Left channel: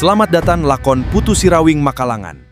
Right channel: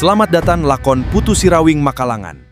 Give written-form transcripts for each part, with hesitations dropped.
Selamat datang lakon Putu Sirawing Makalangan.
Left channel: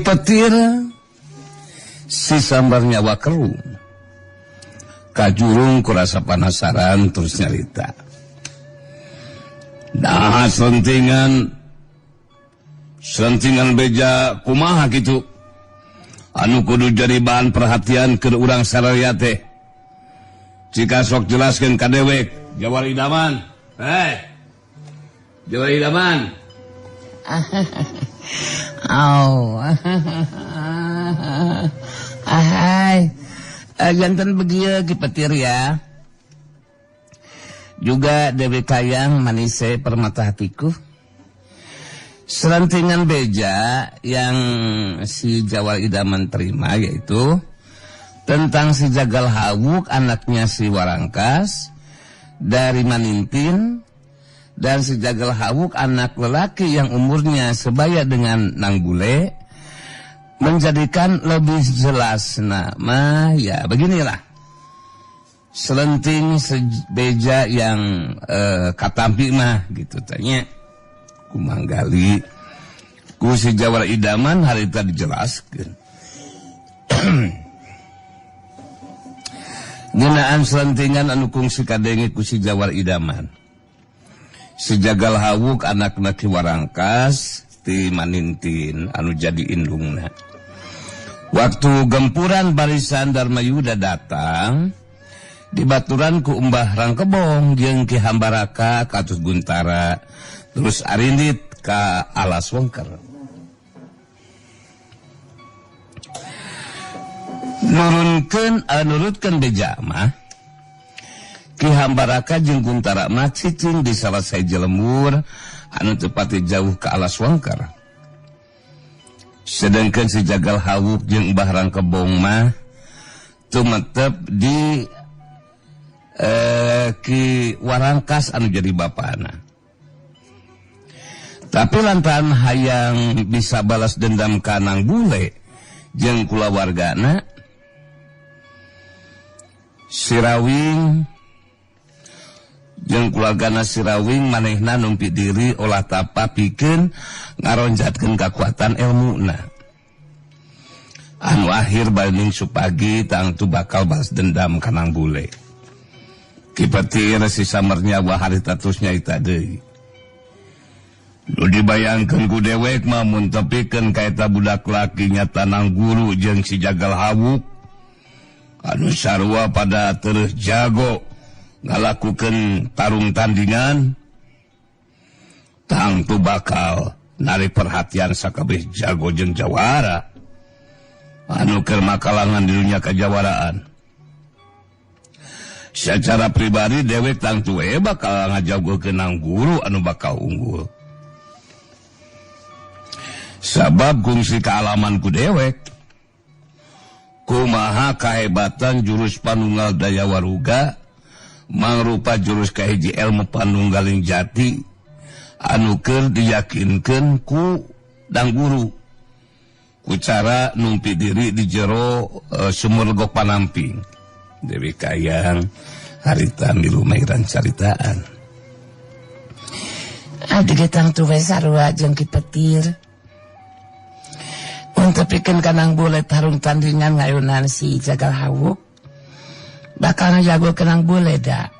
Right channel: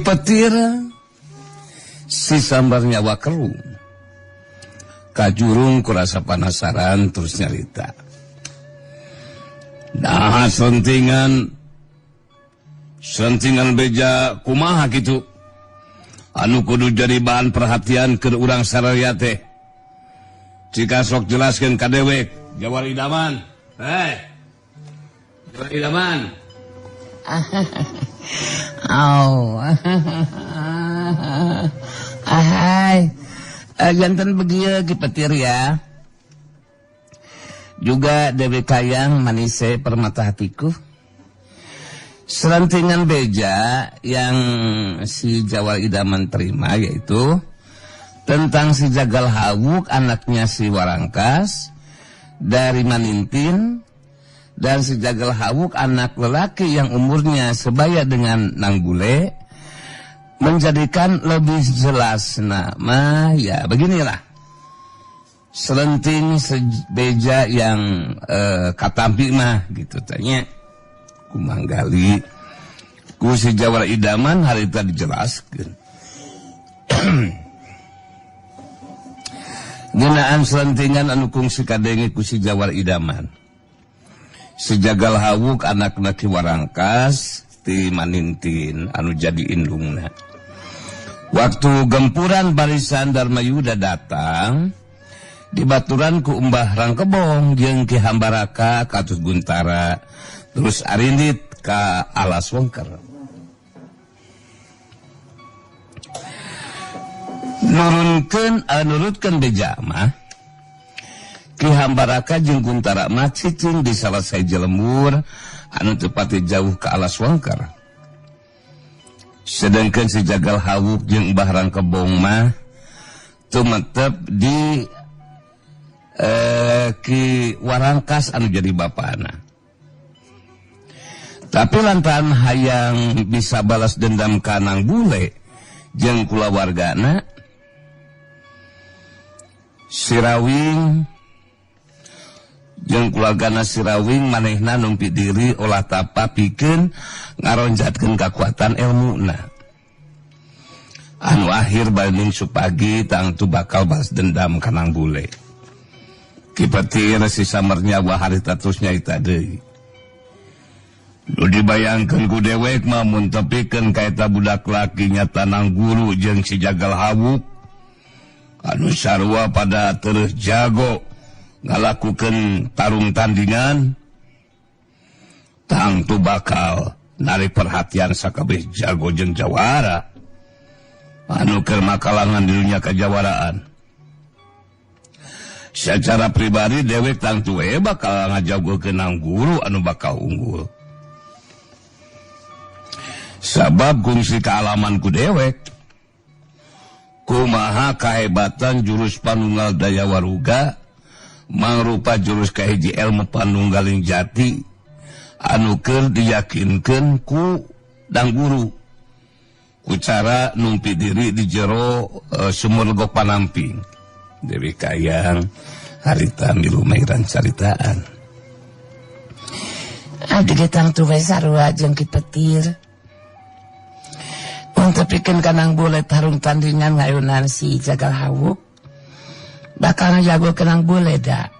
Petir sasambarnya wakelu kajurung kurasa penasaran terus nyarita nah sentingan beja kumaha gitu anu kudu jadi bahan perhatian ke urang saraya teh jika sok jelaskan ka dewe Jawar Idaman Jawar Idaman jantan begitu di petir ya. Juga Dewi Kayang manis saya permata hatiku. Selentingan beja yang si Jawar Idaman terima yaitu tentang si Jagal Hawuk anaknya si Warangkas dari Manintin. Dan si Jagal Hawuk anak lelaki yang umurnya sebaya dengan Nanggule menjadikan lebih jelas nama ya beginilah selenting beja yang katampi mah gitu tanya kumanggali ku si Jawar Idaman hari tadi dijelaskan gunaan selentingan anu kungsi kadenge ku si Jawar Idaman. Si Jagal Hawuk anak-anak Warangkas di Manintin anu jadi indungna. Waktu gempuran barisan Darmayuda datang, dibaturan ku Mbah Rangkebong jeung Ki Hambaraka Katut Guntara terus arindit ka Alas Wengker. Nurutkeun beja mah Ki Hambaraka jeung Guntara mah cicing di salah sahiji lembur anu tepatnya jauh ke Alas Wengker. Sedangkan si Jagal Hawuk jeung Mbah Rangkebong mah tumepep di Ki Warangkas anu jadi bapana. Tapi lantaran hayang bisa balas dendam ka Nanggule jeung kulawargana Sirawing yang keluargana Sirawing manehna numpi diri ulah tapa pikeun ngaronjatkeun kekuatan ilmuna. Anu akhir balik supagi tangtu bakal balas dendam ka Nanggule. Kipetir si samarnya harita terus nyaita deui. Nu dibayangkeun ku dewek mah mun tepikeun ka eta budak laki nyata Nangguru jeung si Jagal Hawuk anu sarua pada terus jago ngalakukan tarung tandingan tangtu bakal nari perhatian sakabeh jago jeung jawara anu keur makalangan dirinya kajawaraan. Secara pribadi dewek tangtu bakal ngajagokeun Nangguru anu bakal unggul sabab kungsi kealaman ku dewek kumaha kahebatan jurus panunggal daya waruga mangrupa jurus kahiji ilmu panunggaling jati anu keur diyakinkeun ku Nangguru ku cara numpi diri di jero sumur gok panamping. Dewi Kayang haritan di lumairan caritaan adegetan tuh sarua jeung Ki Petir untuk bikin Nanggule tarung tandingan ngayunan si Jagal Hawuk bakal ngajago ke Nanggule dah.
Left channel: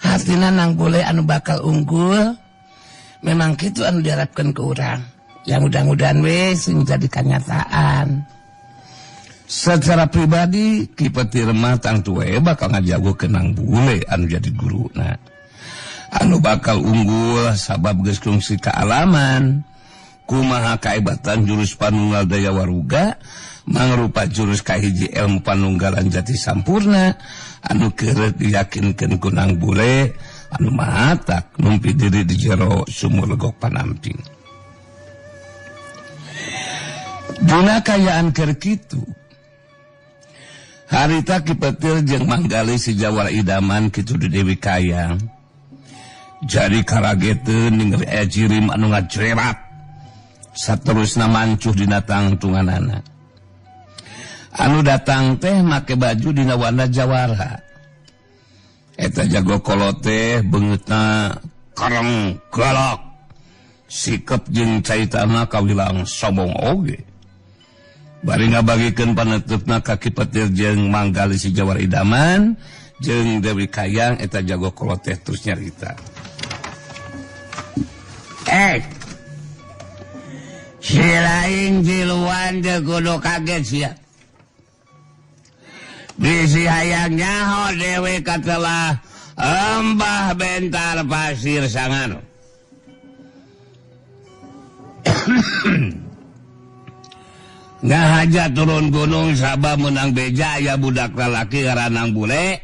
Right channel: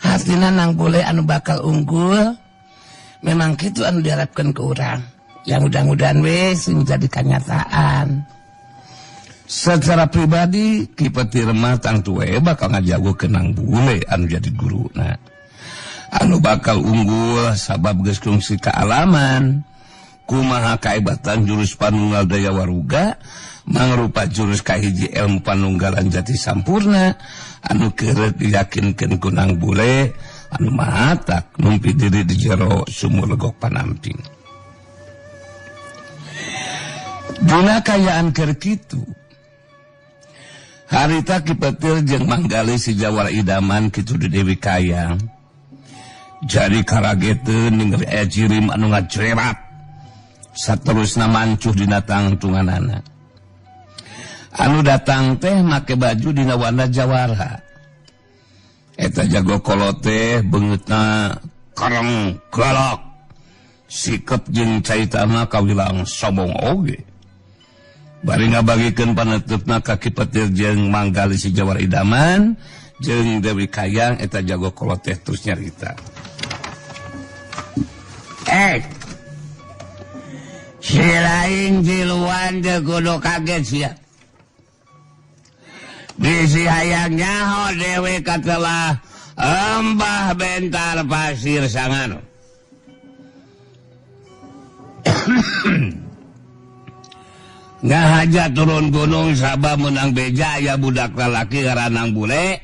Artinya Nanggule anu bakal unggul memang gitu anu diharapkan ke urang. Ya mudah-mudahan wes menjadi kenyataan. Secara pribadi Ki Petir mah tangtu bakal ngajago ke Nanggule anu jadi guruna. Anu bakal unggul sabab geus kungsi kealaman kumaha kaibatan jurus panunggal daya waruga mangrupa jurus kahiji ilmu panunggalan jati sampurna anu kerep diyakinkeun gunang bule anu mahata numpi diri di jero sumulego panamping. Dina kayaan keur kitu harita kipatil jeung manggali si Jawara idaman kitu di Dewi Kayang jadi karageteun ninggal ciri anu ngacrerat saterusna mancuh dina tangtunganana anu datang teh make baju dina warna Jawara eta jago kolot teh beungeutna kareng galak sikep jeung caitana kawilang sombong oge bari ngabagikeun panetepna ka kipetir jeung manggali si Jawara idaman jeung Dewi Kayang eta jago kolot teh terus nyarita si lain jiluan teh kudu kaget sia di si hayangnya ho Dewi katelah Mbah Bentar Pasir Sangano nggak aja turun gunung sabah menang bejaya budak lalaki ngaranang bule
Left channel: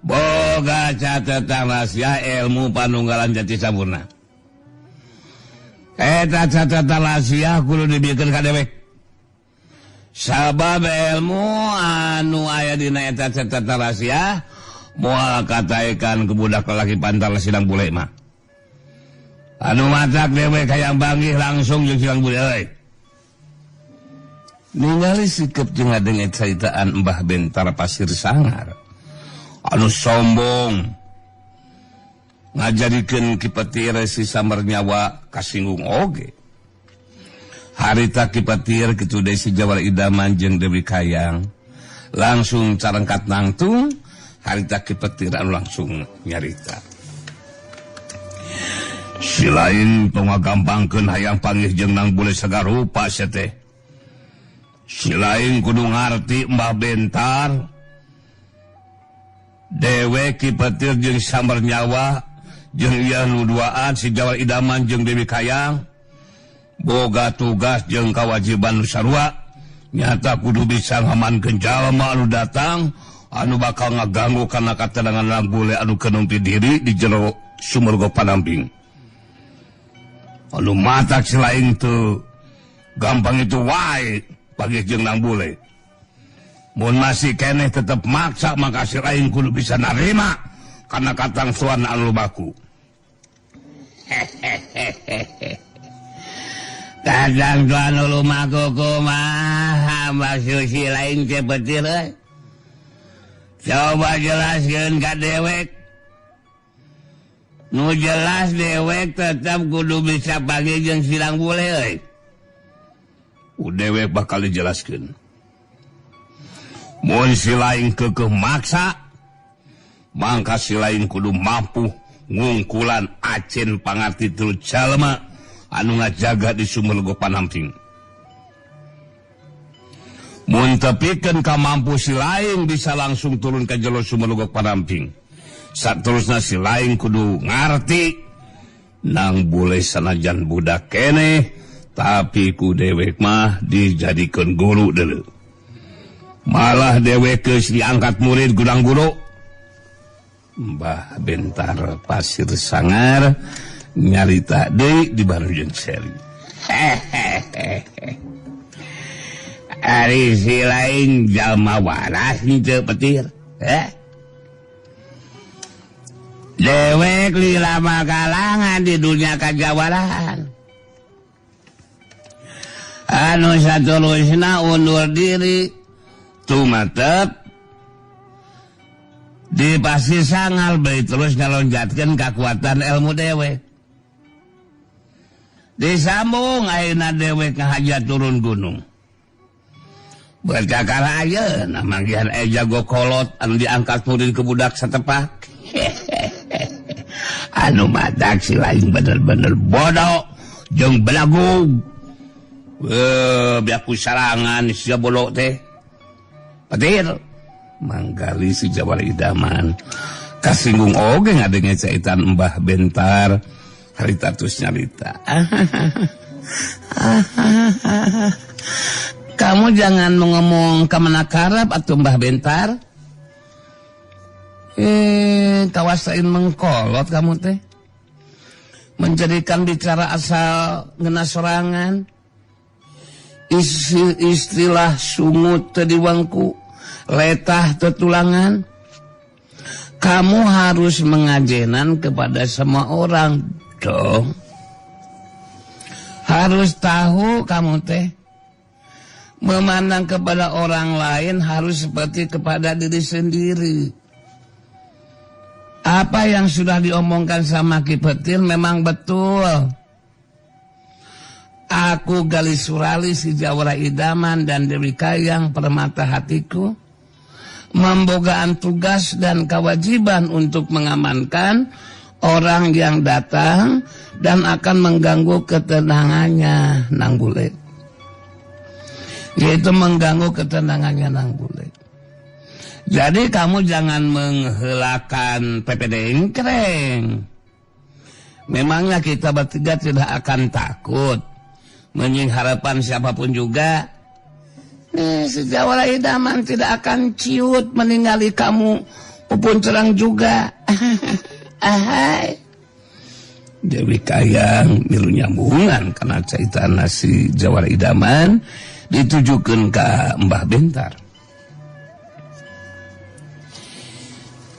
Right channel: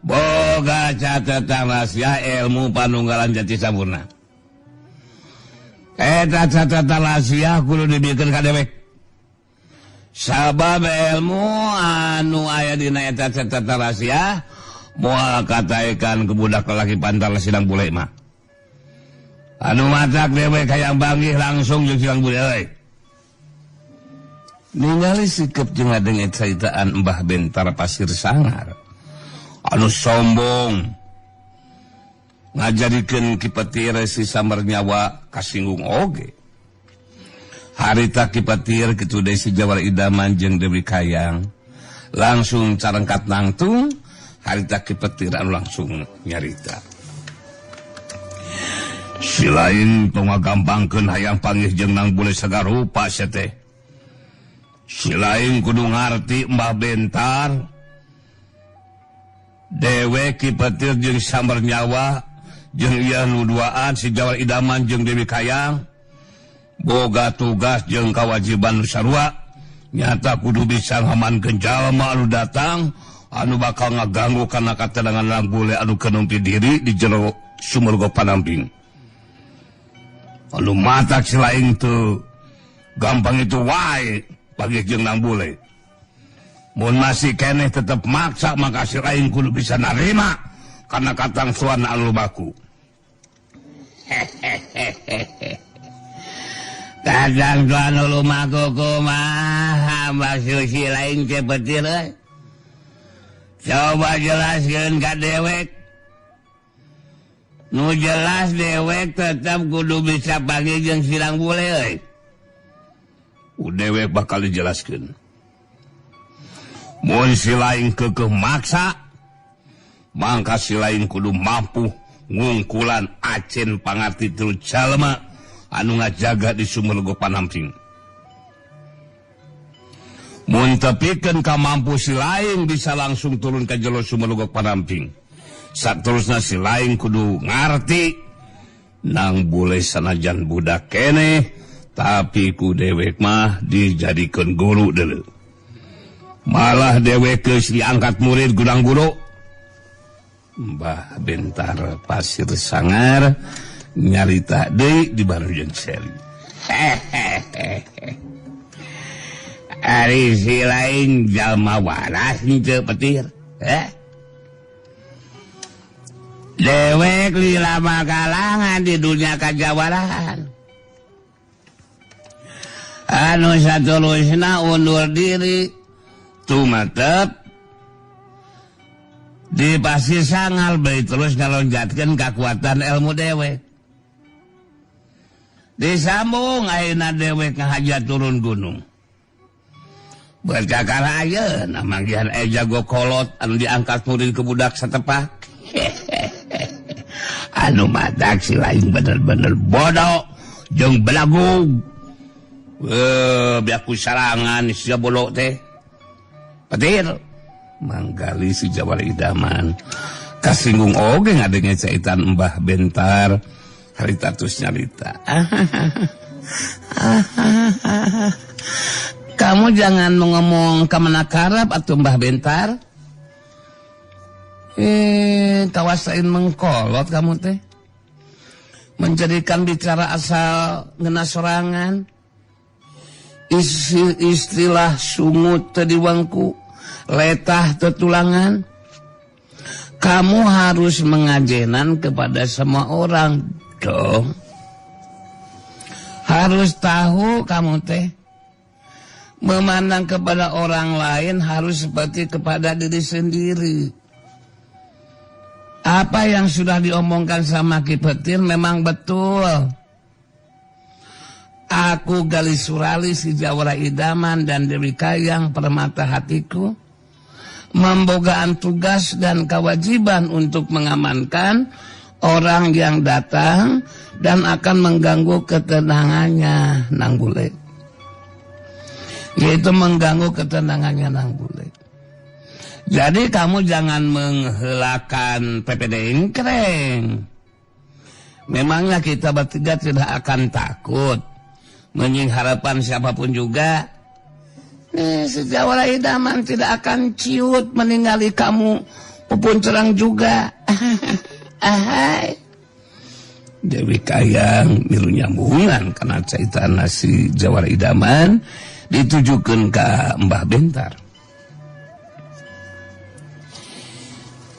boga catatan rahasia ilmu panunggalan jati sampurna eta catatan rahasia kudu dibikin ka Dewi sabab ilmu anu aya dina eta catatan rahasia moal kataekan ke budak lalaki pantal sidang bule mah anu matak Dewi Kayang banggih langsung jeung sidang bule euy ningali sikep jeung ngadenge caritaan Mbah Bentar Pasir Sangar anu sombong ngajadikeun kipetir si samar nyawa kasinggung oge harita kipetir kitu deui si Jawara idaman jeung Dewi Kayang langsung carangkat nangtung harita kipetir anu langsung nyarita selain tong ngagampangkeun hayang panggih jeung nang bule sagarupa sia teh selain kudu ngarti Mbah Bentar Dewe kipetir jeung samar nyawa jeung ieu nu duaan si Jawara idaman jeung Dewi Kayang boga tugas jeung kawajiban nu sarua nyata kudu bisa ngamankeun jalma anu datang anu bakal ngaganggu kana katenangan bule anu kenempi diri di jero sumurga panamping anu matak selain itu gampang itu wae bagi jeung nang bule mun masih keneh tetep maksa maka selain kudu bisa narima karena katangsuan anu lumaku katangsuan anu lumaku kumaha Mbah Susi lain seperti coba jelaskeun ka dewek nu jelas dewek tetep kudu bisa bagi jeung silang bule euy dewek bakal dijelaskeun mun si lain kekeh maksa mangka si lain kudu mampu ngungkulan acen pangarti tu jalma anu ngajaga di sumurga panamping mun tepikeun ka mampu si lain bisa langsung turun ke jero sumurga panamping saterusna si lain kudu ngarti nang bule sanajan budak keneh tapi ku dewek mah dijadikeun guru deuleu malah dewek geus diangkat murid gunang guru Mbah Bentar Pasir Sangar nyarita deui di baru jeung Seli ari si lain jalma waras henteu petir ya dewek lila bakalangan di dunia kajawaran anu saterusna undur diri tumatep di Pasir Sangar bae terus ngalonjatkeun kakuatan ilmu dewek disambung ayeuna dewek ngahajat turun gunung bercakar ayeuna manggihan jago kolot anu diangkat murid ke budak satepak anu matak si lain bener-bener bodoh jeung belagu biaku sarangan si bodoh teh petir manggali si Jawara idaman kasinggung oge ngadenge caitan Mbah Bentar harita terus nyarita Kamu jangan ngomong kemenakarap atau Mbah Bentar. Tawasain mengkolot kamu teh. Menjadikan bicara asal ngena sorangan. Istilah sungut tediwangku, letah tetulangan. Kamu harus mengajenan kepada semua orang dong. Harus tahu kamu teh, memandang kepada orang lain harus seperti kepada diri sendiri. Apa yang sudah diomongkan sama Ki Petir memang betul. Aku Gali Surali si Jawara Idaman dan Dewi Kayang permata hatiku membogaan tugas dan kewajiban untuk mengamankan orang yang datang dan akan mengganggu ketenangannya Nang Bule. Yaitu mengganggu ketenangannya Nang Bule. Jadi kamu jangan menghelakan PPD Engkreng. Memangnya kita bertiga tidak akan takut menying harapan siapapun juga. Sejawara Idaman tidak akan ciut meninggali kamu upun cerang juga. Dewi Kayang milu nyambungan karena cerita nasi Jawara Idaman ditujukan ke Mbah Bentar.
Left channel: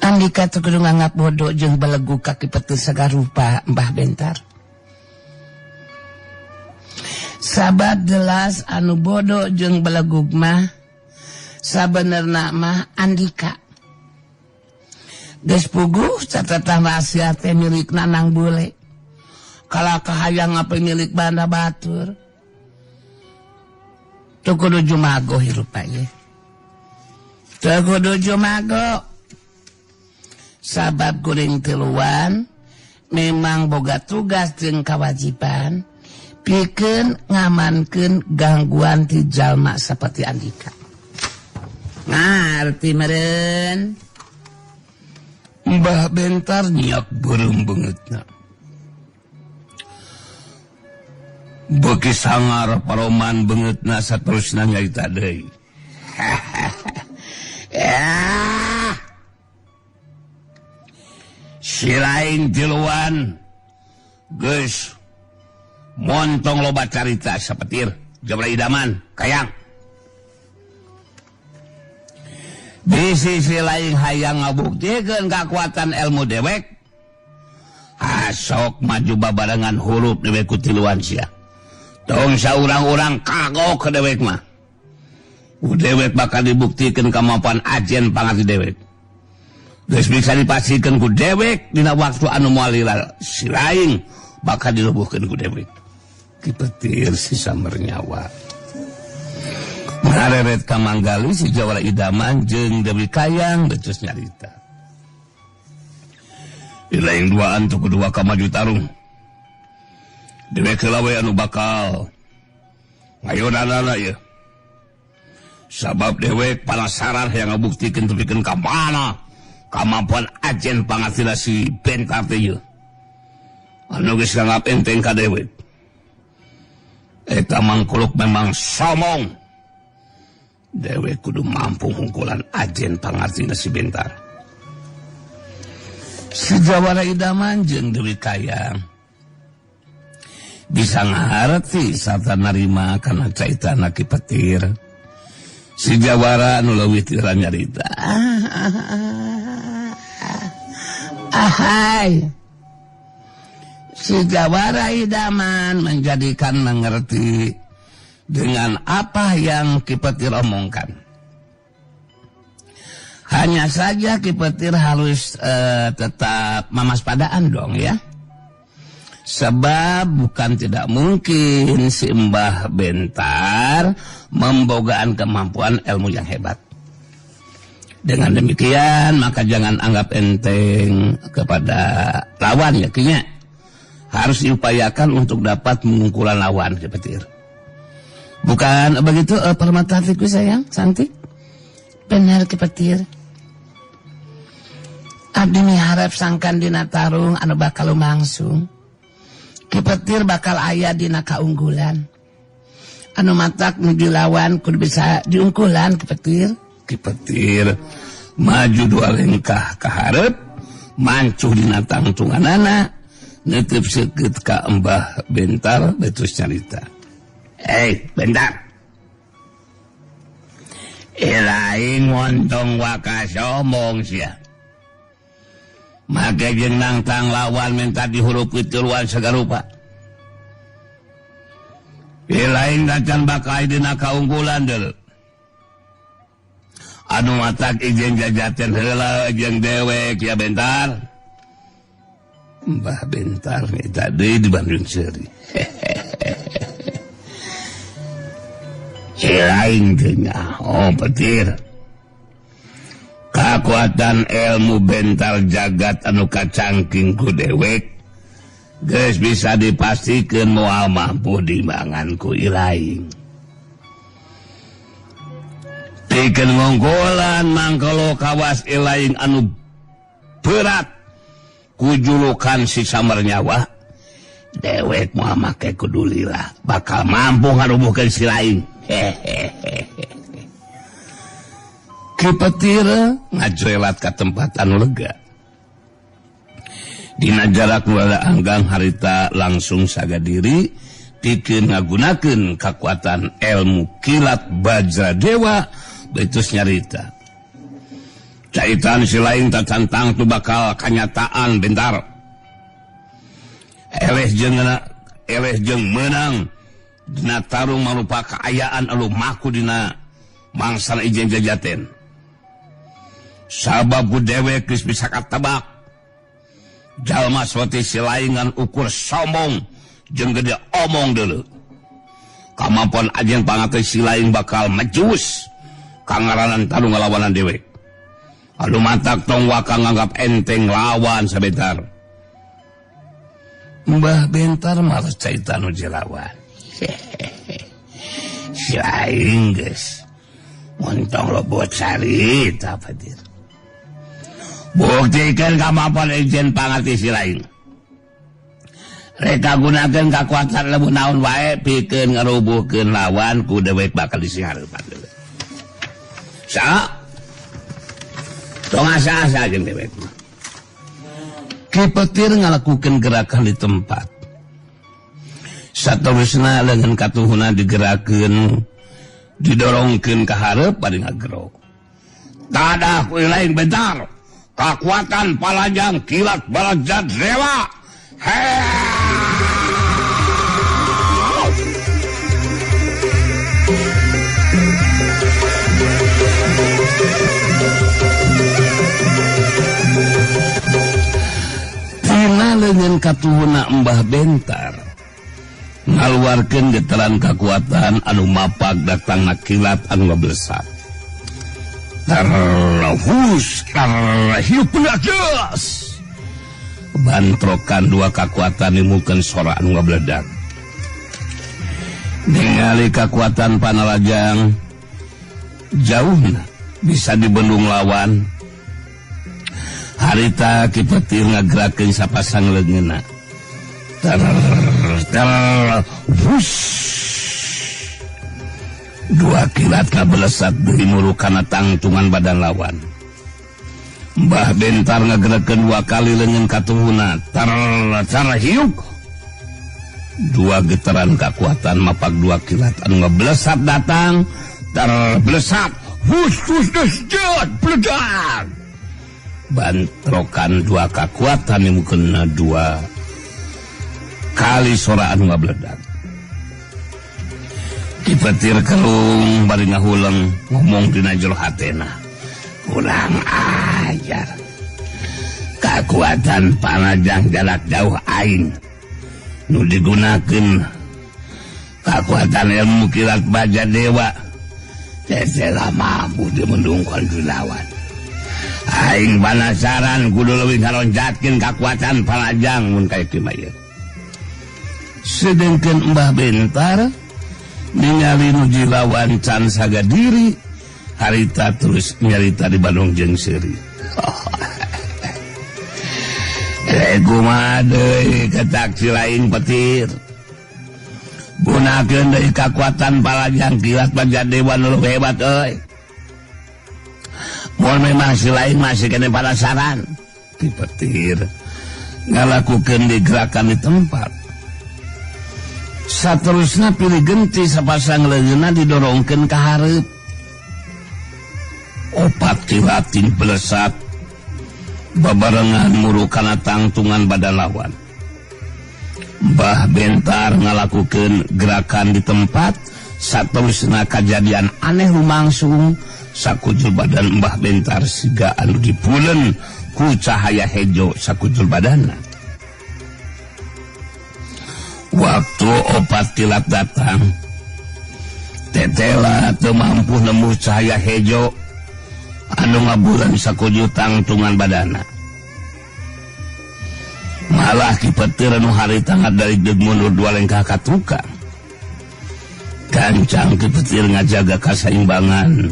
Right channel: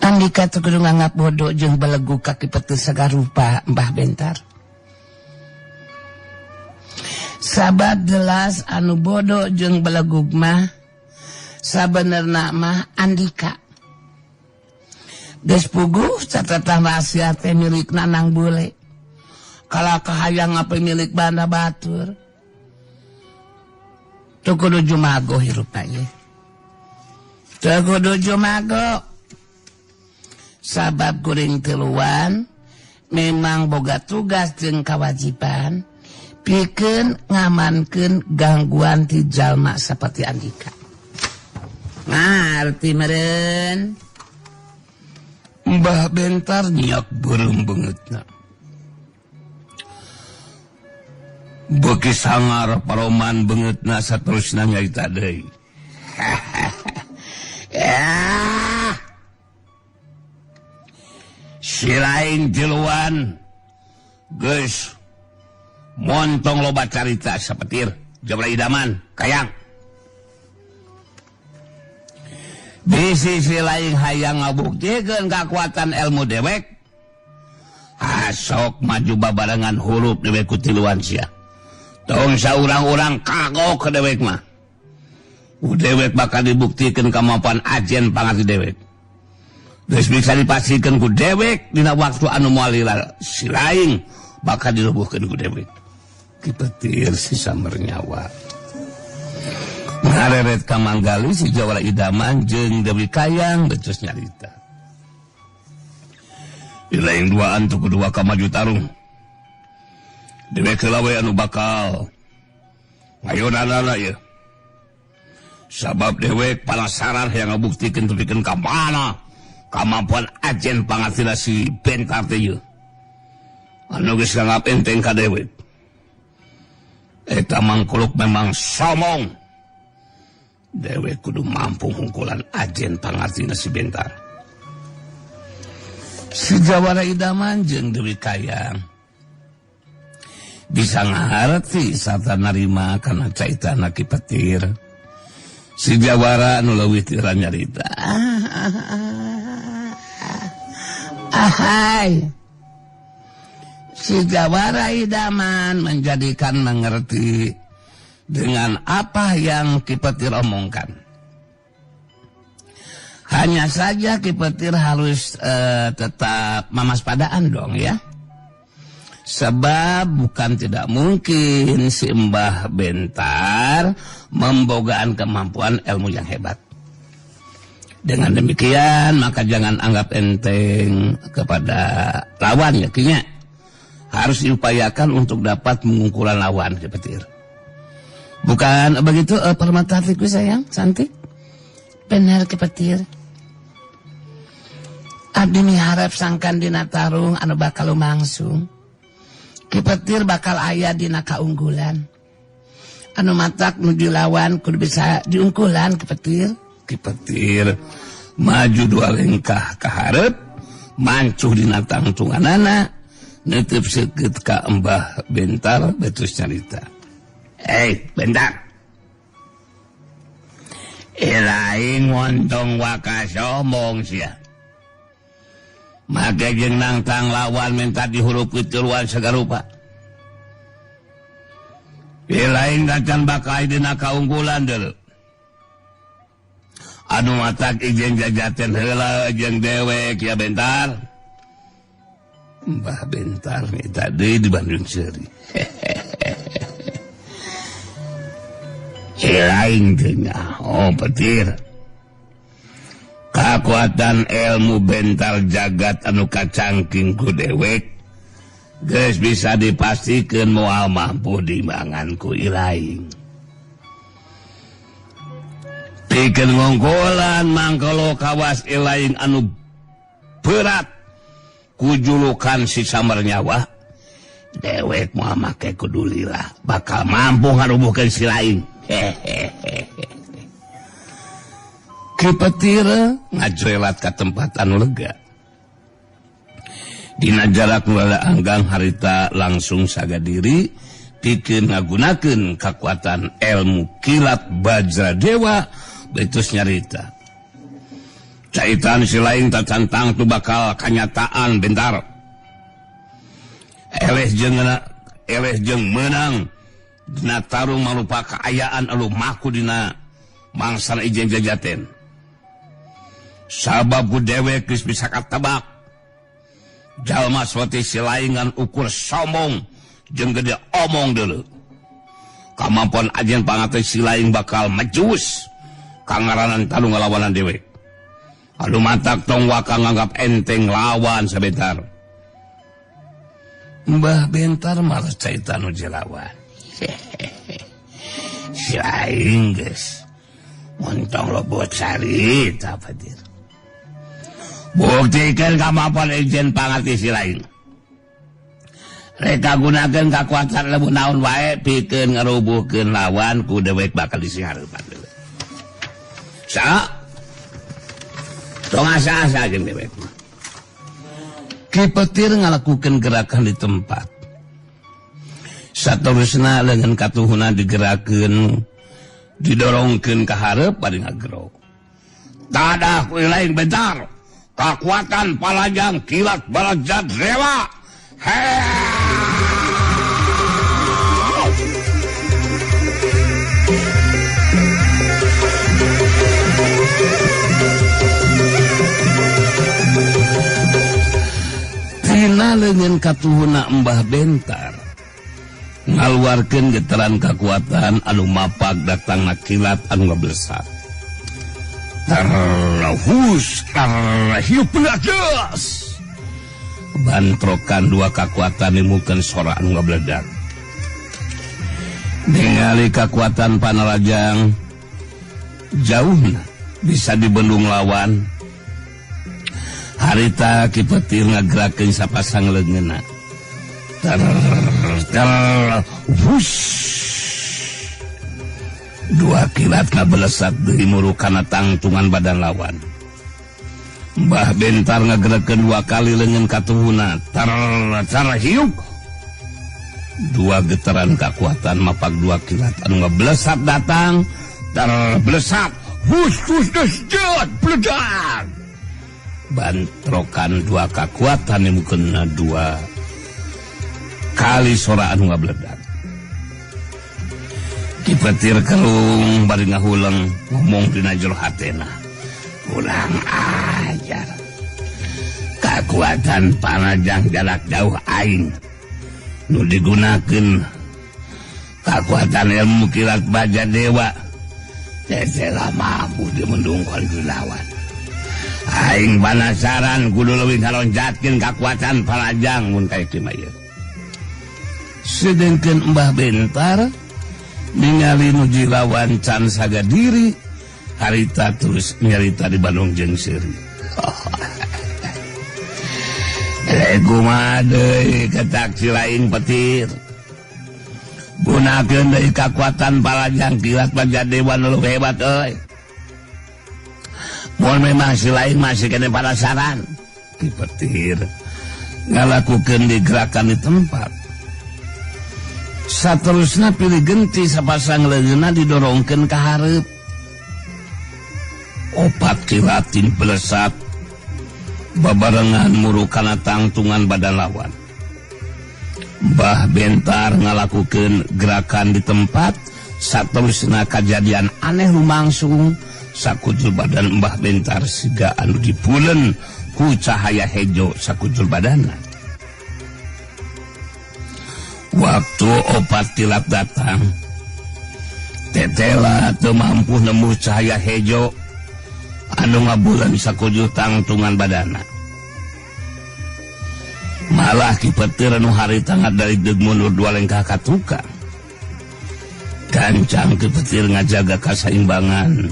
Andika tuh kudu nganggap bodoh jeung belegu kaki Petir sagarupa Mbah Bentar. Sabat gelas anu bodoh jeung belegug mah sabenerna mah Andika. Geus puguh catatan rahasia teh milik Nang Bule. Kalau kahayang apa milik Banda Batur. Tuh kudu jumago hirupa ieu. Tuh kudu jumago. Sabab kuring tiluan memang boga tugas jeung kewajiban pikeun ngamankeun gangguan ti jalma seperti Andika. Ngarti meureun. Mbah Bentar nyak burung beungeutna. Beuki sangar paroman beungeutna saterusna nyaita deui. Ya. Si laing tiluan geus montong loba carita sapetir Jawara Idaman Kayang. Di sisi lain hayang ngabuktikeun kakuatan ilmu dewek. Asok maju babarengan huruf di beku tiluan sia. Tong saurang-urang kagok ke dewek mah. Dewek bakal dibuktikeun kemampuan ajen pangarti dewek. Geus bisa dipastikan ku dewek dina waktu anu moal lila. Si lain bakal dilubuhkeun ku dewek. Ki Petir si sambar nyawa. Mereret ka manggali si Jawara Idaman jeung Dewi Kayang betus nyarita. Di lain duaan tu kedua ka maju tarung. Dewek lawe anu bakal ngayodanana ya. Sabab dewek palasaran yang ngabuktikeun tepikeun ka mana kemampuan ajen pangasila si Bentar teh nya. Anu geus ngapenteng ka dewek. Eta mangkuluk memang somong. Dewek kudu mampu hungkulan ajen pangasila si Bentar. Si Jawara Idaman jeung Dewi Kayang bisa ngarti sarta narima kana caitana Ki Petir. Si Jawara anu leuwih ti nyarita. Ahai. Si Jawara Idaman menjadikan mengerti dengan apa yang Ki Petir omongkan. Hanya saja Ki Petir harus tetap memaspadaan dong ya. Sebab bukan tidak mungkin si Mbah Bentar membogaan kemampuan ilmu yang hebat. Dengan demikian maka jangan anggap enteng kepada lawan ya kinya. Harus diupayakan untuk dapat mengungkulan lawan Ki Petir. Bukan begitu permata hatiku sayang, cantik? Benar Ki Petir. Abdi miharep sangkan dina tarung anu bakal lumangsung. Kipetir bakal aya dina kaunggulan. Anu matak nu dilawan kudu bisa diungkulan Kipetir. Kipetir maju 2 langkah ka hareup, mancu dina tangtunganana, neuteup seukeut ka Mbah Bentar batus carita. Bentar. Ilaing ngontong wakas omong sia. Make jeung nangtang lawan minta dihurup pituruan sagarupa. Ilaing dacan bakal dina kaunggulan deuleu. Anu matak ijen jajateun heula jeung dewek ya Bentar. Mbah Bentar eta deui di Bandung Seri. Ilaing teh Petir. Kakuatan ilmu Bentar jagat anu kacangking ku dewek geus bisa dipastikeun moal mampu dimangan ku Ilaing. Pikeun ngongkolan mangkalo kawas Ilaing anu berat ku julukan si Samar Nyawa, dewek moal make kudu lila bakal mampu ngarubuhkeun si Ilaing. Kipetir ngajrelat ka tempatan lega. Dina jarak wala anggang harita langsung sagadiri pikeun ngagunakeun kakuatan ilmu kilat Bajra Dewa betus nyarita. Caitan si Laing tatantang tu bakal kanyataan Bentar. Eleh jeung menang dina tarung manupa kaayaan anu maku dina mangsa ijen jajaten. Sabab ku dewek geus bisa katebak. Jalma sote si Laing ngan ukur sombong jeung gede omong deuleu. Kamampon ajen pangateh si Laing bakal majus kangaranan tanu ngalawanan dewek. Anu matak tong waka nganggap enteng lawan sabentar. Mbah Bentar mah carita nu jelawan. Si Aing geus montong lobot carita Petir. Buktikeun kamampon ijen pangarti si Laing. Reka gunakeun kakuatan leuwih naon wae pikeun ngarubuhkeun lawan ku dewek bakal disihareupan. Sa? Tong asa-asa geun dewek. Kipetir ngalakukeun gerakan di tempat. Saterusna leungeun katuhna digerakeun, didorongkeun ka hareup bade ngagero. Dadah ku Ilaing Bentar. Kakuatan palajang kilat Bajra Dewa. Tina leungeun katuhna Mbah Bentar ngaluarkeun getaran kakuatan anu mapag datangna kilat anu ngablesat. Tarlahus hiup pelajas. Bantrokan 2 kakuatan nimukeun sora anu ngabledak. Ningali kakuatan panalajang jauh bisa dibendung lawan. Harita Kipetir ngagerakeun sapasang leungeunna. Tarlahus 2 kilat ngabelesat deui murukana tangtungan badan lawan. Mbah Bentar ngagerakeun 2 kali leungeun katuhuna. Tar hiuk. 2 getaran kakuatan mapag 2 kilat anu ngabelesat datang dan belesat. Hus disjot peledak. Bantrokan 2 kakuatan nimukeun 2 kali sura anu ngabeledak. Kipetir kelung bari ngahuleng ngomong dina jero hatena. Kurang ajar. Kakuatan panajang jalak jauh aing nu digunakeun kakuatan ilmu kilat Bajra Dewa. Teh mampu dimendungkeun dilawan. Aing banasaran kudu leuwih ngalonjatkeun kakuatan panajang mun kieu mah ieu. Sedengkeun Mbah Bentar ningali nuju lawan can sagadiri, harita terus nyarita di Bandung jeung Seri. kumaha deui ketak lain petir. Gunakeun deui kekuatan Palajang kilat Bagadewa nu hebat euy. Mun memang si lain masih kena palasaran. Ki petir ngalakukeun di gerakan di tempat. Saterusna pilih genti sapasang leungeunna didorongkeun ka hareup. Opat kiratin pelesat babarengan murukana tangtungan badan lawan. Mbah Bentar ngalakukeun gerakan di tempat. Saterusna kajadian aneh lumangsung sakujur badan Mbah Bentar siga anu dipuleun ku cahaya hejo sakujur badanna. Waktu opat kilat datang, tetela teu mampu nemu cahaya hejo anu ngabulan sakujur tangtungan badanna. Malah Ki Petir nu harita dari deug mundur dua lengkah ka tukang. Gancang Ki Petir ngajaga kasaimbangan,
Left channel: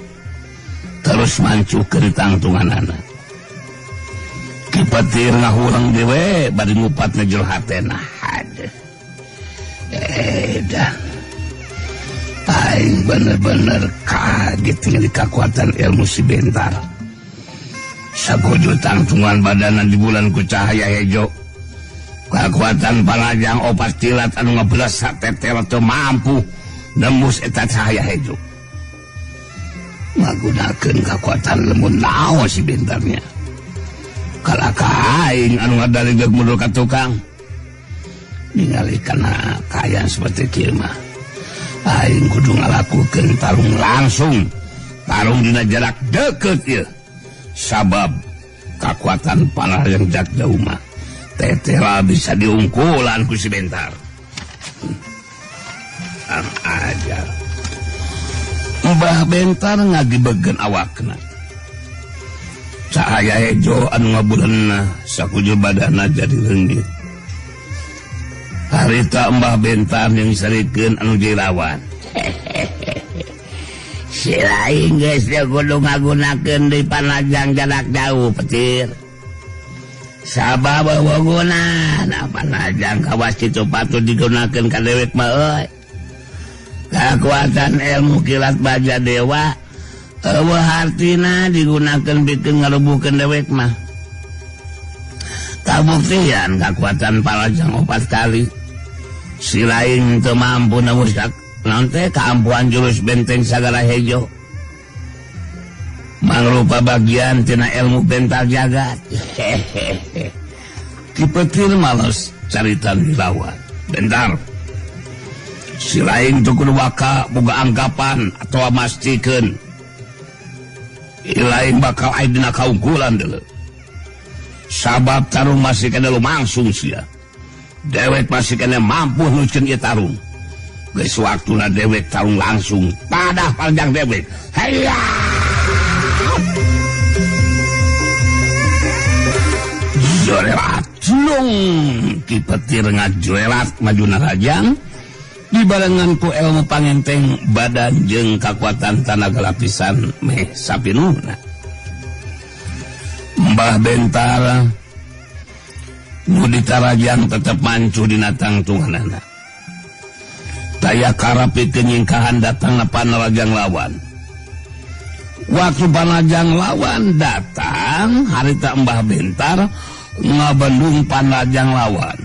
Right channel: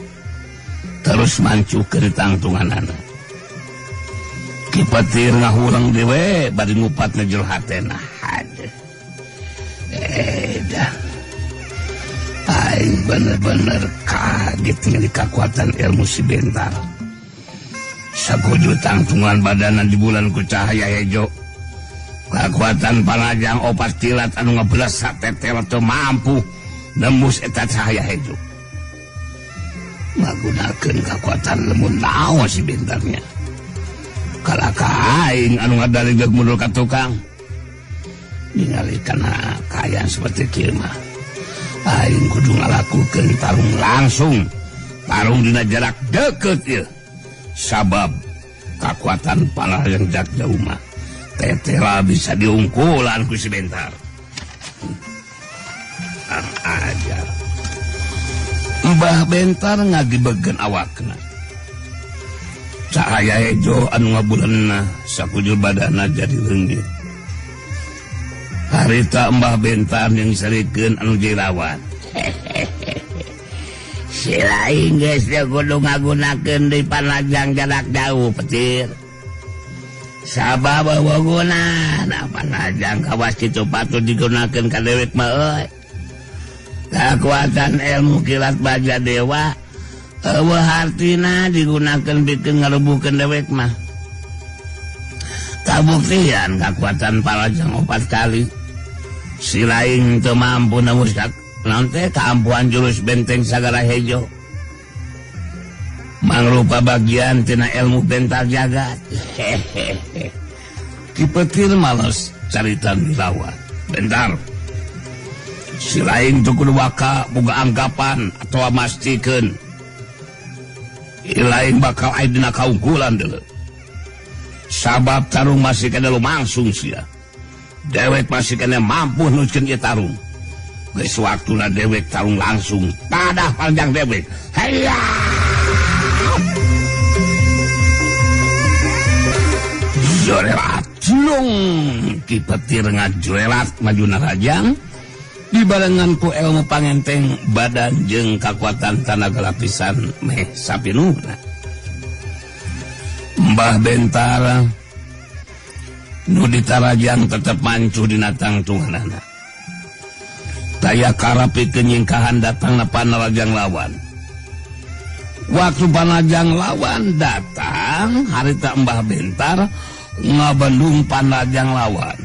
terus mancukeun tangtunganana. Ki Petir ngahurang dewe bari ngupatna jero hatena. Dah, aing bener-bener kaget dengan kekuatan ilmu si Bentar. Sakujur tangtungan badanna di bulan ku cahaya hejo. Kekuatan Palajang opas tilat anu ngabelesak tetel teu mampu nembus eta cahaya hejo. Ngagunakeun kekuatan lembut naon si Bentarnya. Kalaka aing anu ngadaligeuh mundur ka tukang. Ningali kana kaya seperti kieu mah aing kudu ngalakukeun tarung langsung, tarung dina jarak deukeut ieu. Sabab kekuatan panah yang jak jauh mah tetela bisa diungkulan ku si Bentar. Aja Mbah Bentar ngagibegan awakna. Cahaya hejo anu ngabulanna sakujur badanna jadi reungeut. Harita Mbah Bentar yang sarikeun anu jilawan. Si lain geus kudu ngagunakeun di Palajang jarak jauh Petir. Sabab wawaguna da Palajang kawas kitu patut digunakeun ka dewek mah euy. Kekuatan ilmu kilat Bagadewa eueuh hartina digunakeun bikin ngarubuhkeun dewek mah. Kabuktian kekuatan Palajang 4 kali. Si lain teu mampu nembus naon teh kaampuhan jurus benteng sagara hejo. Mangrupa bagian tina ilmu Bentar jagat. Ki Petir males carita dilawan. Bentar, si lain teu kudu baka boga anggapan atawa mastikeun lain bakal aya dina kaungkulan deuleu. Sabab tarung masih kena lumangsung sia. Dewek masih kena mampu nuceun ieu tarung. Geus waktuna dewek tarung langsung. Tadah Palajang dewek. Hayya! Jolelat lung Ki Petir ngajoelat majuna Rajang dibarengan ku ilmu pangenteng badan jeung kakuatan tanaga lapisan meh sapinungna. Mbah Bentar nu ditarajang tetep mancu dina tangtunganana. Daya karapikeun nyingkahan datang Palajang lawan. Waktu Palajang lawan datang, harita Mbah Bentar ngabendung Palajang lawan.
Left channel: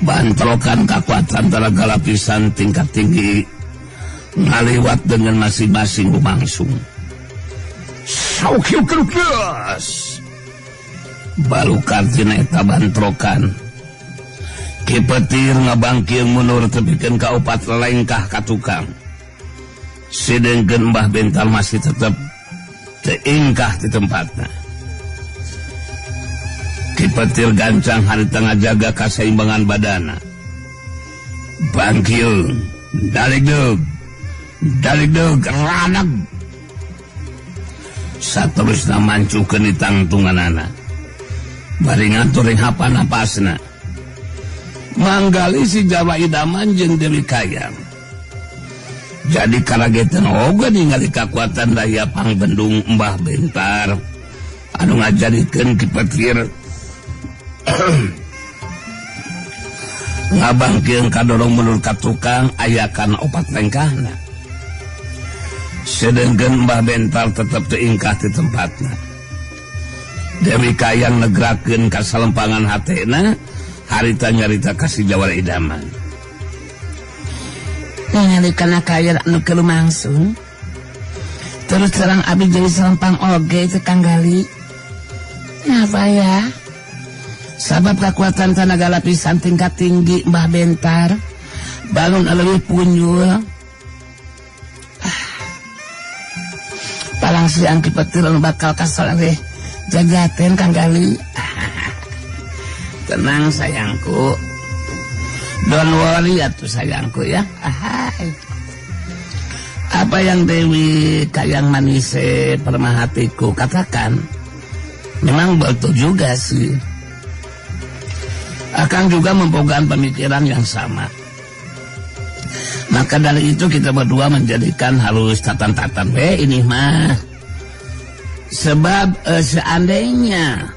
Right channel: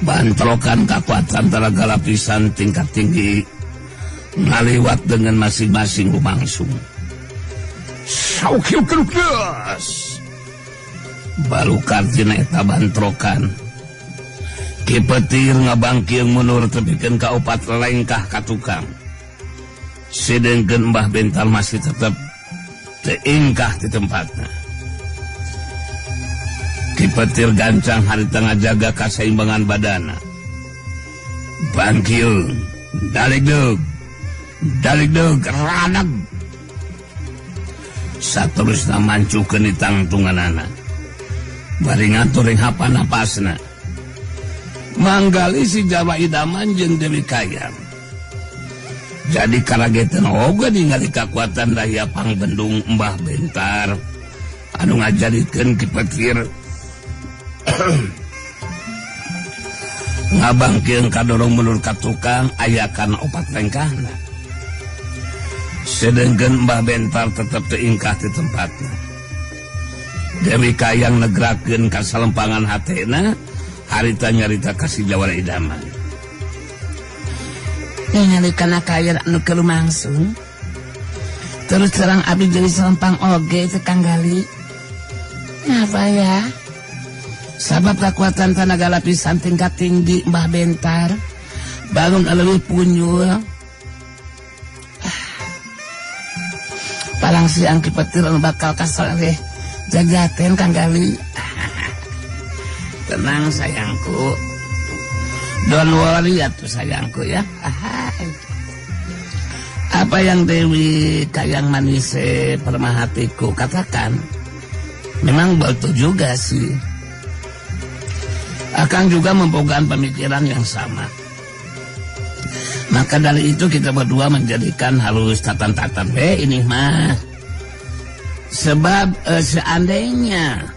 Bantrokan kekuatan tenaga lapisan tingkat tinggi ngaliwat dengan masing-masing lumangsung. Saukieu kergas balukar tina eta bantrokan. Ki Petir ngabangkieun mundur tepikeun ka 4 lengkah ka tukang. Sedengkeun Mbah Bentar masih tetap teingkah di tempatnya. Ki Petir gancang harita ngajaga kaseimbangan badana. Bangkieun, dalegdeug, raneg. Saterusna mancukeun di tangtunganana. Bari ngatur hapan-hapasna. Manggali si Jawa Idaman jeung Dewi Kayam. Jadi karagetan oga ningali kekuatan daya pangbendung Mbah Bentar anu ngajadikeun Ki Petir ngabangkeun kadorong mulur ka tukang ayakan opat rengkahna. Sedangkan Mbah Bentar tetap teingkah di tempatnya. Dewi Kayang negrakeun ka salempangan hatena, harita nyarita kasih Jawara idaman. Ningali kaya anu kelumangsun. Terus terang abi jadi selempang oge Kang Gali. Apa ya? Sabab kekuatan tenaga lapisan tingkat tinggi Mbah Bentar bangun alami punjul. Palang siang kipetir bakal kasar deh jagaten Kang Gali. Tenang sayangku, dan wali atuh sayangku ya. Apa yang Dewi Kayang Manis Permahatiku katakan memang betul juga sih. Akang juga mempunyai pemikiran yang sama. Maka dari itu kita berdua menjadikan halus tatan-tatan ini mah. Sebab seandainya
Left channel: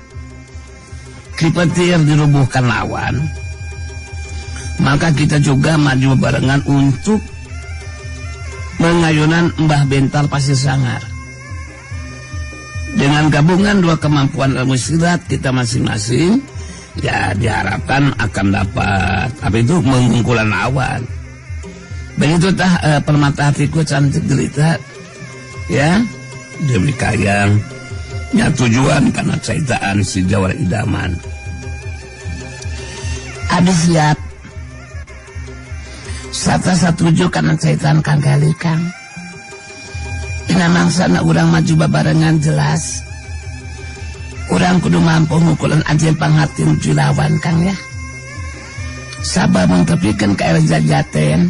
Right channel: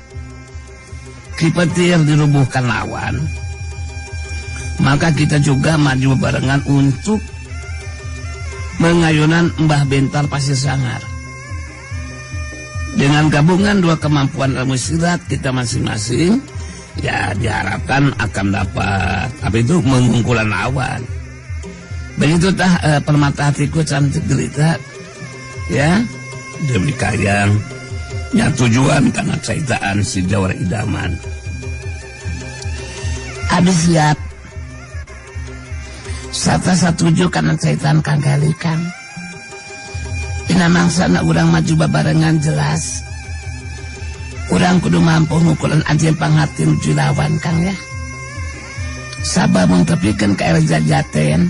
Kipetir dilubuhkan lawan, maka kita juga maju barengan untuk mengayunan Mbah Bentar Pasir Sangar. Dengan gabungan dua kemampuan ilmu silat kita masing-masing, ya diharapkan akan dapat memungkulan lawan. Begitu permata hatiku cantik derita, ya Dewi Kayang, ya tujuan karena ceritaan si Jawara idaman. Abis siap. Sapa setuju karena ceritaan Kang Gali Kang. Namang sana urang maju babarengan jelas. Urang kudu mampu ngukulin aja pangatin julawan Kangnya. Sabab mengtepikan ke jajaten.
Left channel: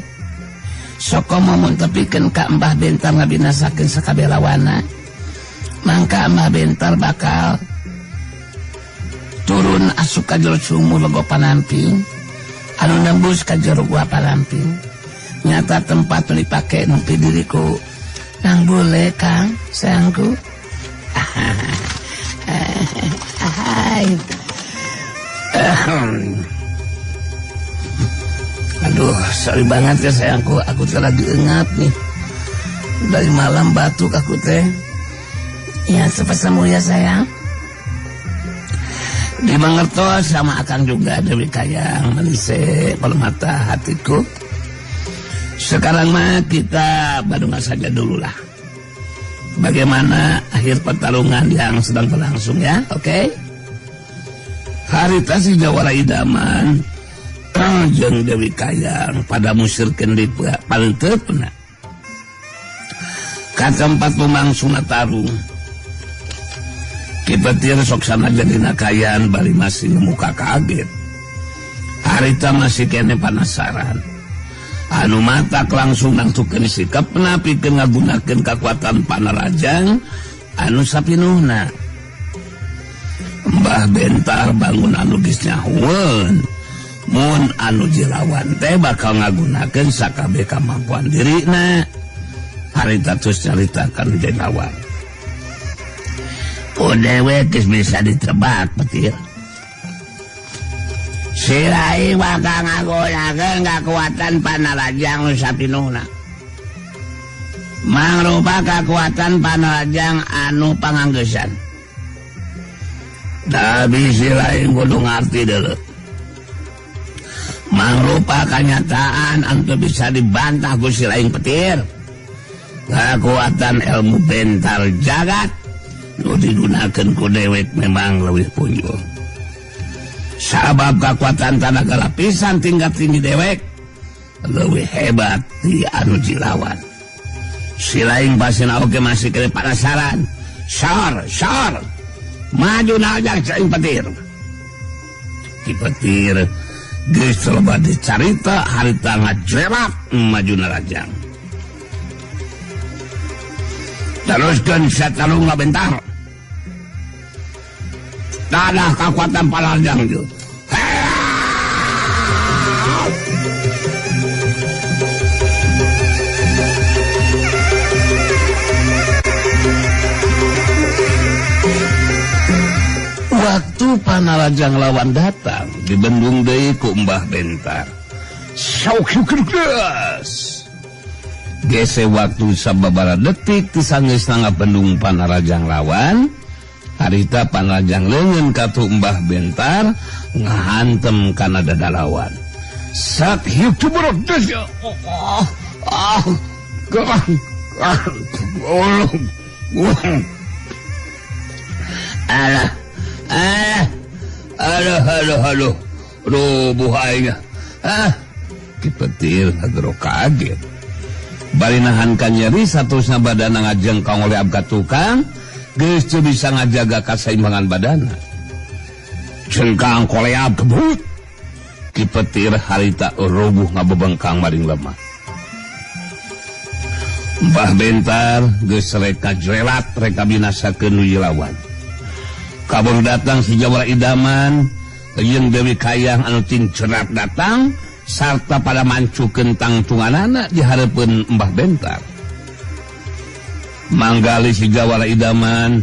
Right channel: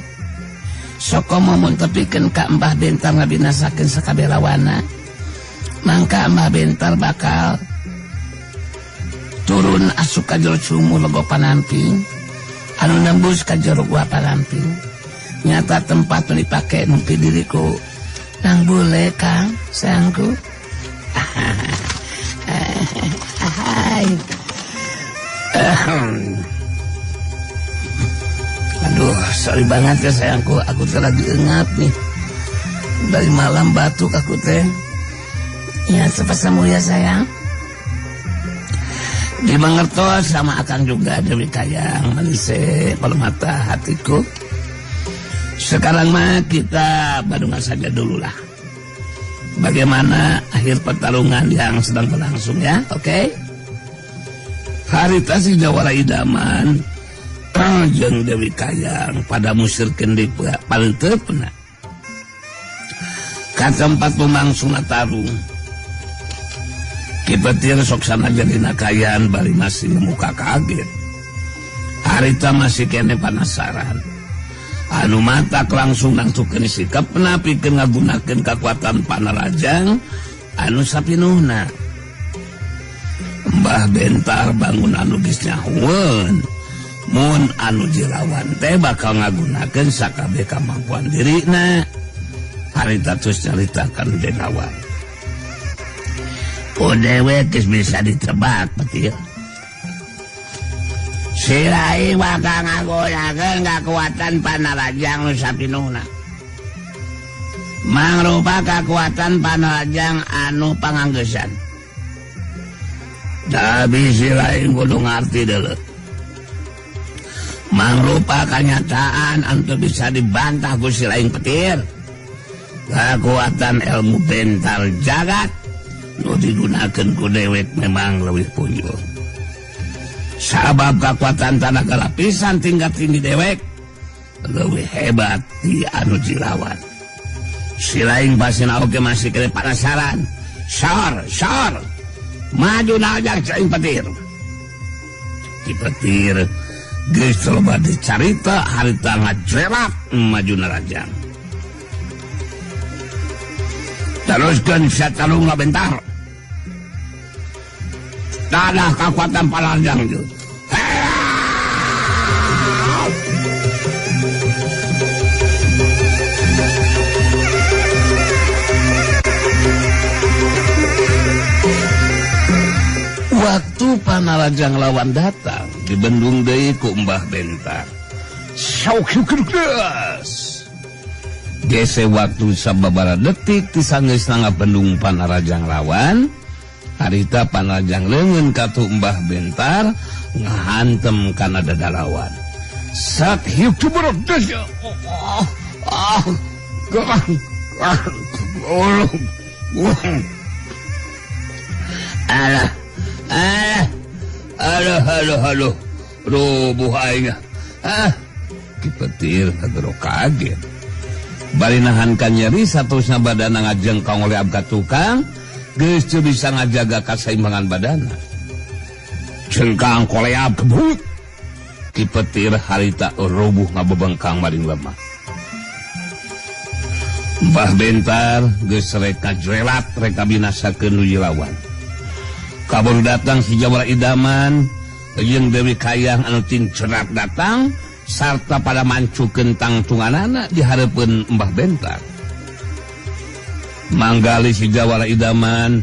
Soko mengtepikan ke Mbah Bentar ngabinasakeun sakabelawana. Mangka Mbah Bentar bakal turun asup ka jero sumur logo panamping. Anu nembus ka jero gua panamping. Nyata tempat dipake nukti diriku. Yang boleh Kang, sayangku. Aduh, sorry banget ya sayangku. Aku tuh lagi ngap nih. Dari malam batuk aku teh. Ya, cepat sembuh ya sayang. Dimengertos sama akan juga Dewi Kayang Manis Permata hatiku. Sekarang mah kita badungan saja dulu lah. Bagaimana akhir pertarungan yang sedang berlangsung ya, oke? Harita si Jawara idaman, jeung Dewi Kayang pada musirkeun di paling tepna. Katempat pemangsuna tarung. Kipetir sok sana jadina Kayang bari masih muka kaget. Harita masih kene penasaran. Anu matak langsung nentukeun sikapna pikeun ngagunakeun kekuatan panarajang anu sapinuhna. Mbah Bentar bangun anu geus nyahueun. Mun anu jelawan teh bakal ngagunakeun sakabeh kemampuan dirina. Harita terus caritakeun jelawan. Dewe geus bisa ditebak petir. Silaing bakal ngagoyakeun kekuatan panarajang nu sapinuhna. Mangrupa kekuatan panarajang anu panganggesan. Tapi silaing kudu ngarti deuleu. Mangrupa kenyataan anu bisa dibantah ku silaing petir. Kekuatan ilmu Bentar jagat nu digunakeun ku dewek memang leuwih punjul. Sabab kekuatan tenaga lapisan tingkat tinggi dewek lebih hebat di anu jilawan. Silaing pasina oke masih kena penasaran. Sar, maju aja Silaing petir. Petir geus coba dicarita harita ngajrelak maju narajang. Teruskeun satarung Bentar. Ada kekuatan panarajang itu. Waktu Panarajang lawan datang dibendung deui ku Mbah Bentar. Sok geus. Gese waktu sababaraha detik ti sangeusna bendung Panarajang lawan. Harita Panarajang leungeun ka tu Mbah Bentar ngahantem kana dada lawan. Sat hiuk cubruk tes. Halo, roboh aing. Kipetir ngagero kaget. Bari nahan ka nyeri satusna badana ngajengkong oleh abga tukang, geus teu bisa ngajaga kasaimbangan badana. Cengkang koleab kebut. Kipetir harita roboh ngabebengkang maring lemah. Mbah Bentar geus rek kajrelat rek kabinasakeun nu lawan. Kabur datang si Jawara Idaman, Yeung Dewi Kayang anu tincerak datang, sarta pada mancukeun tangtunganana di hareupeun Mbah Bentar. Manggali si Jawara Idaman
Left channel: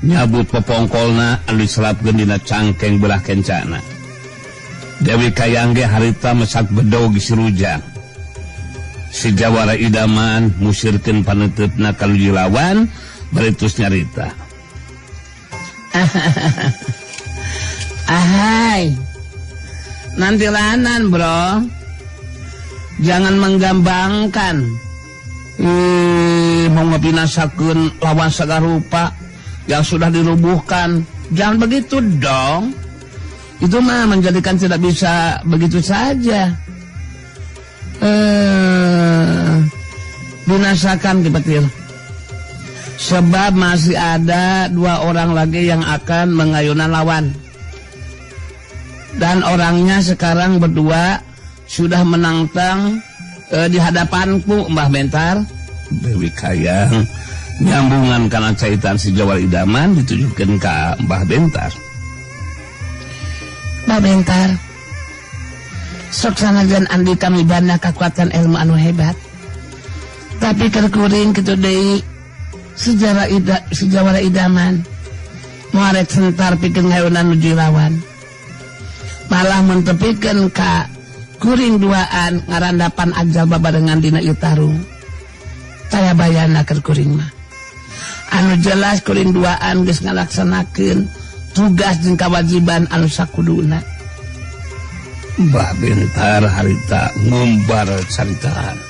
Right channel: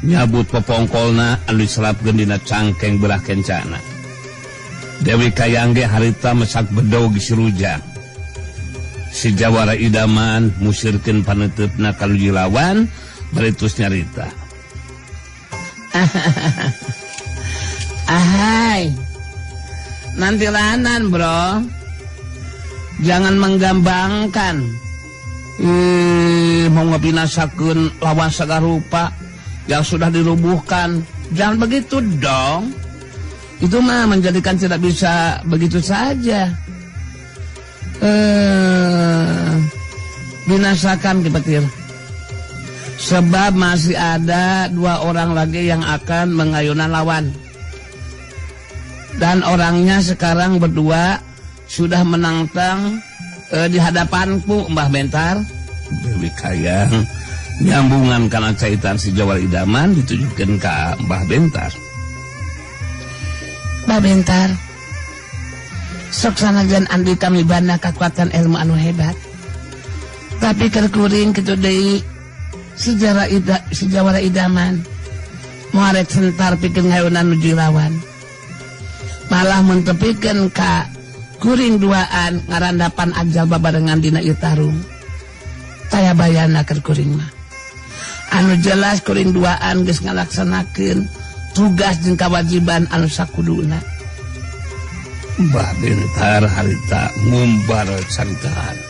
nyabut popongkolna anu diselapkeun dina cangkeng belah kencana. Dewi Kayang ge harita mesak bedog disirujang. Si Jawara Idaman musirkeun paneutupna ka lawan, bari tos nyarita. Ahai, nanti lanan bro, jangan menggambangkan. Mengutinasakeun lawan sagarupa yang sudah dirubuhkan, jangan begitu dong. Itu mah menjadikan tidak bisa begitu saja. Merasakan Kipetir. Sebab masih ada 2 orang lagi yang akan mengayunan lawan. Dan orangnya sekarang berdua sudah menantang di hadapanku, Mbah Bentar. Dewi Kayang nyambungan kana caitan si Jawara Idaman ditujukeun ka Mbah Bentar. Mbah Bentar, sok sanajan andi kami bana kekuatan ilmu anu hebat. Tapi terkuring kitu deui si Jawara Idaman muaret sentar pikeun heunan nuju lawan. Malah mentepikeun ka kuring duaan ngarandapan ajal babarengan dina ieu tarung. Taya bayana keur kuring mah. Anu jelas kuring duaan geus ngalaksanakeun tugas jeung kewajiban anu sakuduna. Mbah Bentar harita ngumbar carita.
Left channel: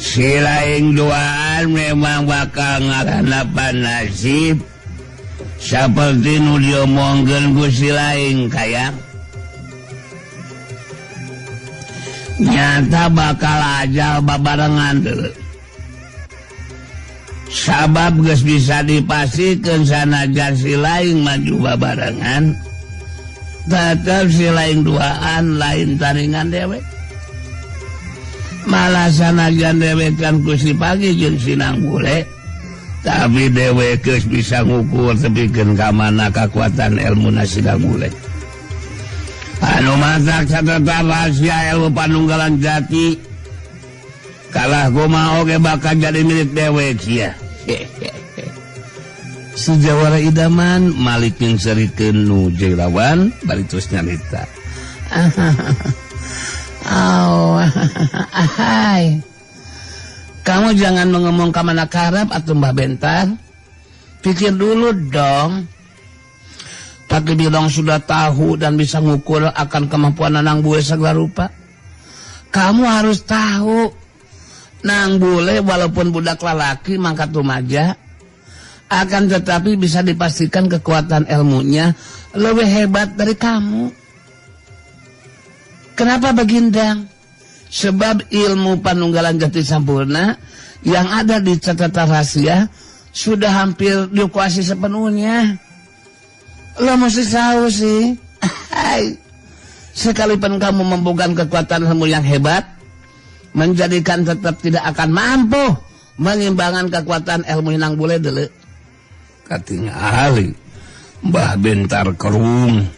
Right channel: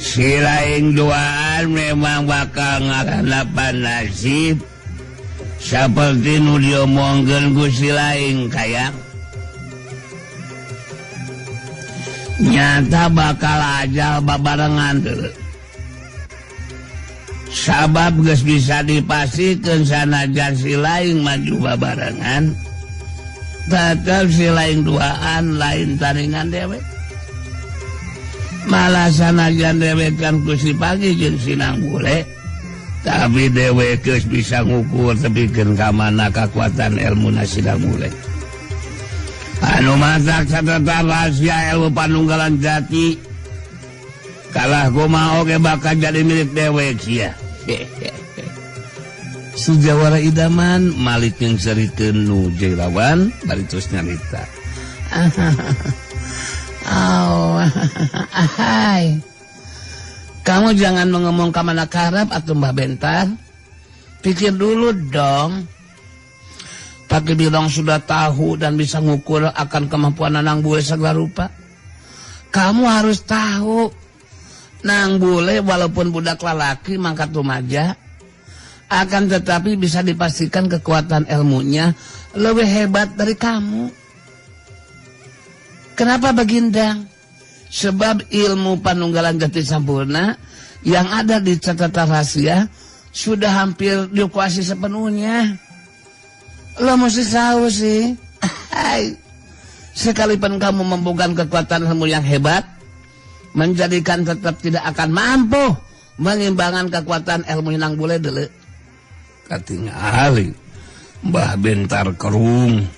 Si laing duaan memang bakal ngarapan nasib saperti nu diomongkeun ku si laing Kayang. Nyata bakal ajal babarengan. Sabab geus bisa dipasikeun sanajan si laing maju babarengan, tetep si laing duaan lain taringan dewe. Malah sanajan dewe kan ku si Pagi jeung si Nanggule, tapi dewe geus bisa ngukur tepikeun ka mana kakuatan ilmuna si Nanggule. Anu masak catatan rahasia ilmu panunggalan jati, kalah kumaha oge bakal jadi milik dewe cia. Si Jawara Idaman malik nyingserikeun nu lawan bari terus nyarita. Oh, hai. Kamu jangan ngomong ke mana karap atau Mbah Bentar. Pikir dulu dong. Tapi Bilong sudah tahu dan bisa mengukur akan kemampuan Nang Bule segala rupa. Kamu harus tahu, Nang Bule walaupun budak lelaki mangkat remaja, akan tetapi bisa dipastikan kekuatan ilmunya lebih hebat dari kamu. Kenapa Bagindang? Sebab ilmu panunggalan jati sampurna yang ada di catatan rahasia sudah hampir dikuasai sepenuhnya. Lo mesti tahu sih. Sekalipun kamu mempegang kekuatan ilmu yang hebat, menjadikan tetap tidak akan mampu mengimbangan kekuatan ilmu Nang Bule dulu. Katinga ahli Mbah Bentar korum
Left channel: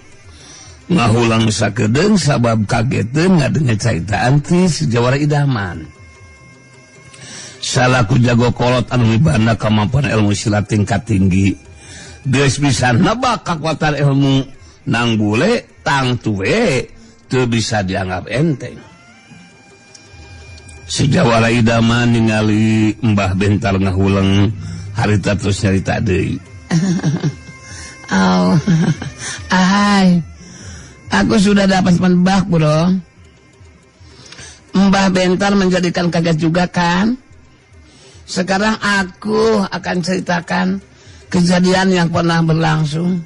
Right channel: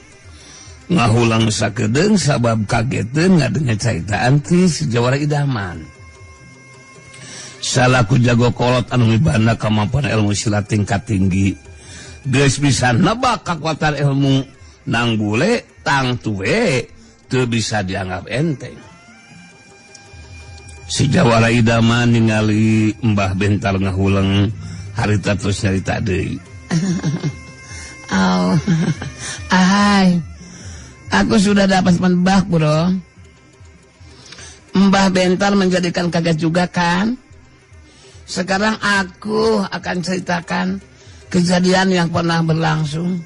ngahulang sakedeung sabab kageteun ngadengeun caitaan ti si Jawara Idaman. salaku jago kolot anu mibana kemampuan ilmu silat tingkat tinggi geus bisa nebak kakuatan ilmu nang bule tang tuwe teu bisa dianggap enteng. Si Jawara Idaman ningali Mbah Bentar ngahuleng harita terus nyarita deui. Oh, hai. Aku sudah dapat menebak, bro. Mbah Bentar menjadikan kaget juga kan? Sekarang aku akan ceritakan kejadian yang pernah berlangsung.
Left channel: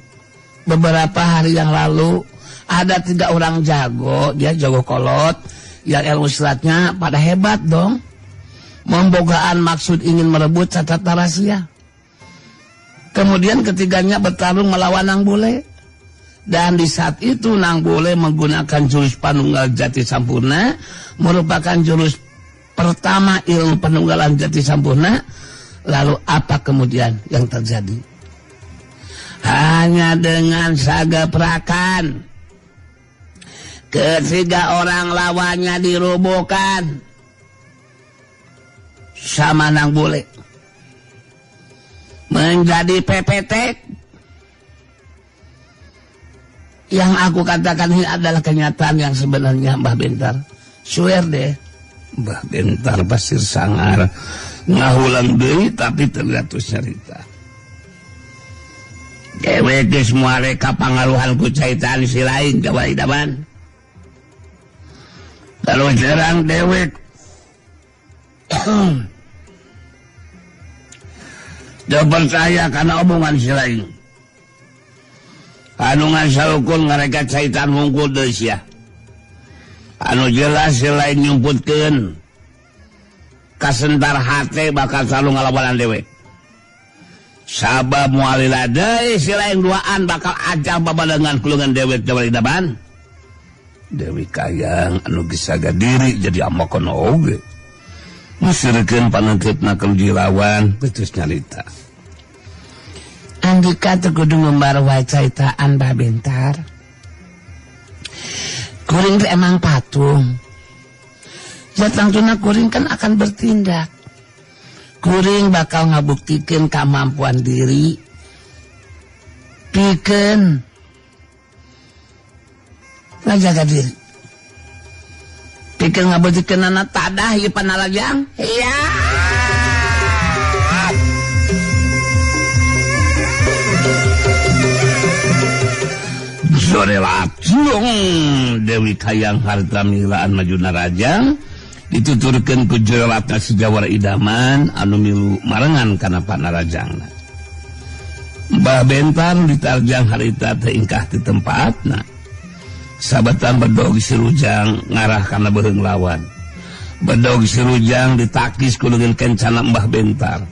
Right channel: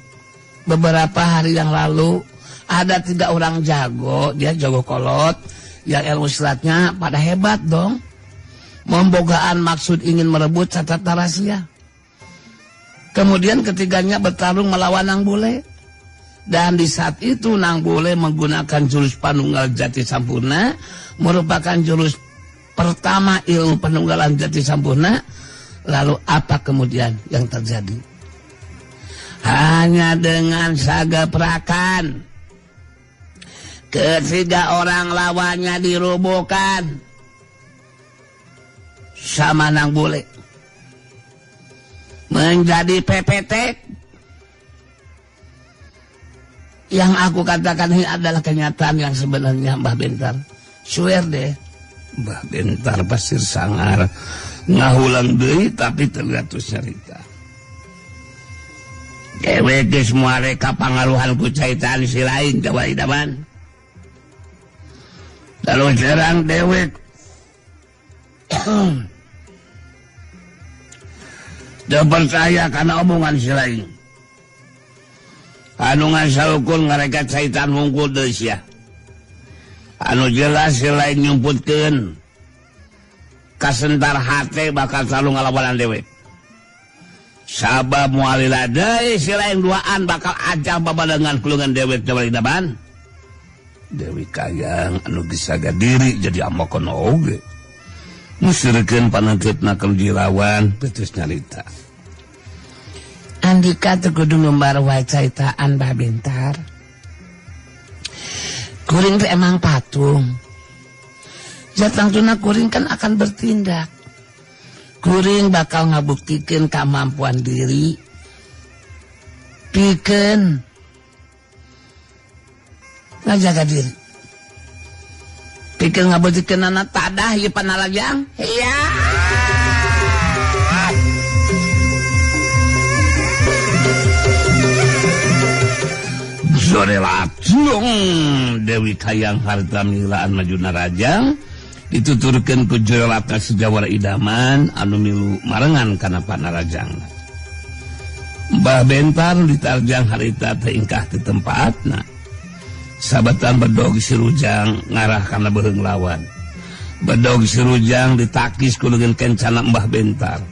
Beberapa hari yang lalu, ada 3 orang jago, dia jago kolot, yang ilmu silatnya pada hebat dong. Membogaan maksud ingin merebut catatan rahasia. Kemudian ketiganya bertarung melawan Nang Bule. Dan di saat itu Nang Bule menggunakan jurus Panunggal Jati Sampurna, merupakan jurus pertama ilmu penunggalan Jati Sampurna. Lalu apa kemudian yang terjadi? Hanya dengan sagaperakan, ketiga orang lawannya dirobohkan sama Nang Bule. Menjadi pepetek. Yang aku katakan ini adalah kenyataan yang sebenarnya, Mbah Bentar. Swear deh. Mbah Bentar pasir sangar ngahulang deh, tapi terlihat terus cerita. Kewede semua reka pangaruhan ku caitaan si lain, Jawara Idaman. Kalau jerang dewek dia percaya karena omongan si lain. Anu ngasalukun ngereka caitan wongkul deui sia. Anu jelas si lain nyumputkeun kasentar hate bakal selalu ngalawanan dewe. Sabab mualila deui si lain duaan bakal ajal babalengan kulungan dewek Jawara Idaman. Dewi kayang anu geus diri jadi amokono oge. Musirkeun panentepna kejilawan putus nyarita. Indikasi kudu membaruai ceritaan Mbah Bentar. Kuring teh emang patung. Jatangtuna kuring kan akan bertindak. Kuring bakal ngabuktikeun kemampuan diri. Keken ngajaga diri. Keken ngabuktikeun anak tadah ieu panalajang. Iya. Sore langsung Dewi Kayang harta nilaan majuna raja dituturkeun ku jelata si Jawara Idaman anu milu marengan kana panarajang. Mbah Bentar ditarjang harita teingkah di tempatna. Sabatan berdogi sarujang ngarah kana beureung lawan. Berdogi sarujang ditakis ku dengan kencana Mbah Bentar.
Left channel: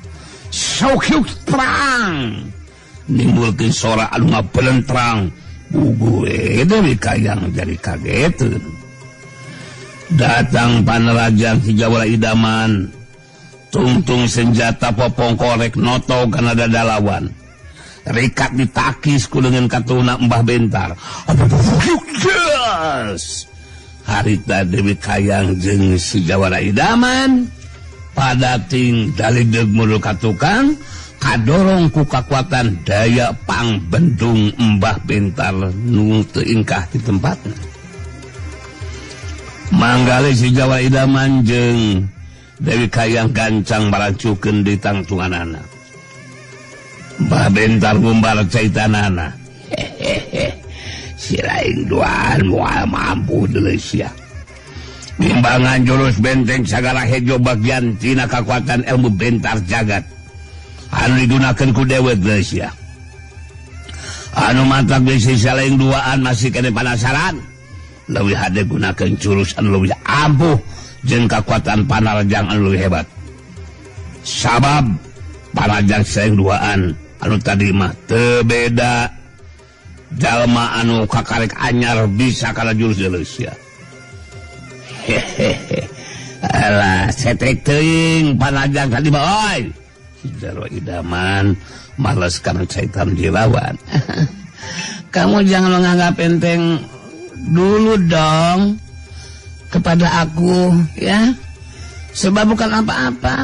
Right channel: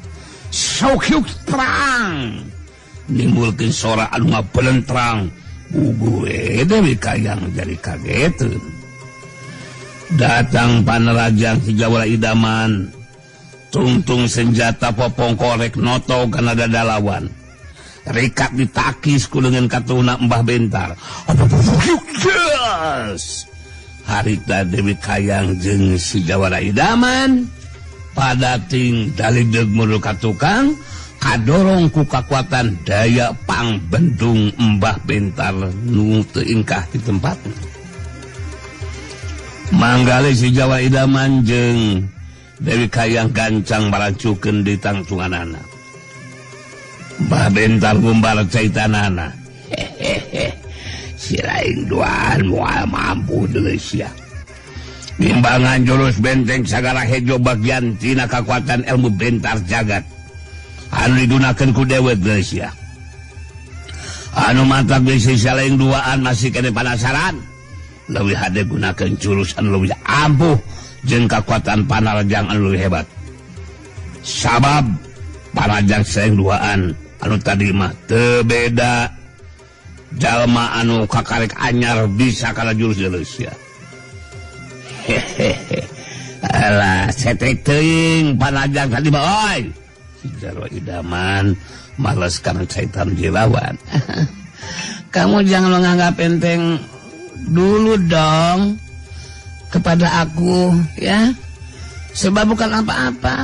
Sok perang. Nimbulkeun sora anu ngapelentrang. Gue Dewi Kayang jadi kagetun. Datang panarajang si Jawara Idaman, tungtung senjata popong korek noto kana dadalawan. Rikat ditakis kulungan katuna Mbah Bentar. Harita Dewi Kayang jeung si Jawara Idaman pada ting daligdeug mulu katukang kadorong ku kakuatan daya pangbendung Mbah Bentar nu teingkah di tempatnya. Manggale si Jawara Idaman jeung Dewi Kayang gancang barancukeun di tangtunganana. Mbah Bentar gumbar caitanana. Si lain doang moal mampu deui sia. Kembangan jurus benteng sagala hejo bagian tina kakuatan ilmu Bentar jagat. Anu digunakan ku dewek guys ya. Anu maka bisa saling duaan masih kena penasaran. Lebih hade gunakan jurusan lebih ampuh jeung kekuatan panarajang anu lebih hebat. Sabab panarajang saling duaan anu tadi mah teu beda. Jalma anu kakarek anyar bisa kana jurus Indonesia. Alah cetek teuing panarajang tadi boy. Jawara Idaman malas kami caitan dilawan. Kamu jangan menganggap enteng dulu dong kepada aku ya. Sebab bukan apa-apa.